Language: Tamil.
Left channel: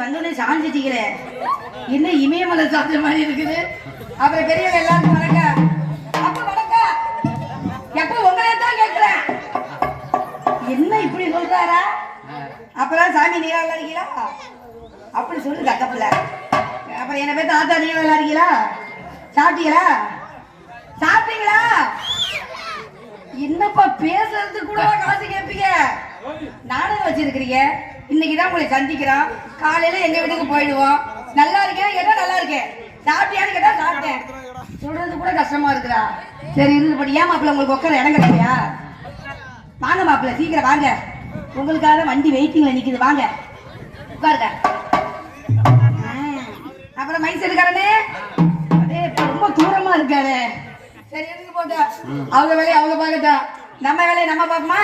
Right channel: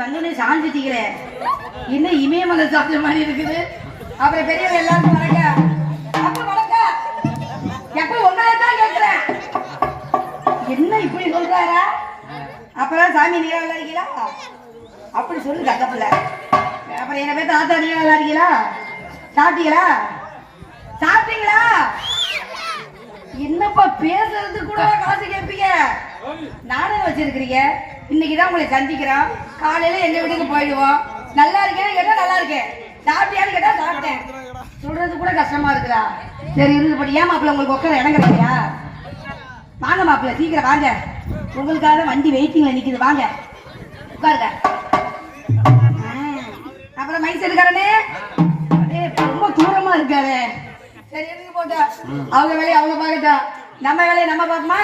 வந்தோடனே சாஞ்சிட்டீங்களே, என்ன இமயமலை சாப்பிட்ட மாதிரி இருக்குது. அப்புறம் பெரியவங்க எல்லாருக்கும் வணக்கம். அப்ப வணக்கம். எப்ப உங்களை தான் கேட்கிறேன், என்ன இப்படி சொல்றாரா? அப்புறம் சாமி நீரா விளையாடுறீங்களா அப்படி சொல்லு கட்டப்பில்ல. அப்புறம் என்ன பேர் தாத்தா நீரா விளையாடுறீங்களா? சாப்பிட்டீங்களா? சாப்பிட்டீங்களா? என்னப்பா பேசுறது கூட காசு கேட்பீங்க? நானும் வச்சிருக்கிறீங்க. இன்னைக்குதான் உங்களை சந்திக்கிறோம். காலையில எங்க வீட்டுக்கு போயிடுவோம். நல்லா இருக்கேன் கேட்டா நல்லா இருக்கேன், சாப்பிட்டியான்னு கேட்டா சாப்பிட்டேன். சொல்றது கூட கஷ்டமா இருக்குதா? சரி இருந்துபடி. ஏன் மாப்பிள்ள உங்களுக்கு உட்கார இடம் கிடையா? வாங்க மாப்பிள்ள, சீக்கிரம் வாங்க. உங்களுக்காக வண்டி வெயிட்டிங்ல நிக்குது, வாங்க உட்காருங்க. அப்புறம் மைக் செட்டுக்காரனே ரொம்ப தூரமா இருக்காரு. சரி இருந்து போட்டா அவங்க வேலையை அவங்க பார்க்கட்டா, நம்ம வேலையை நம்ம பார்ப்போமா?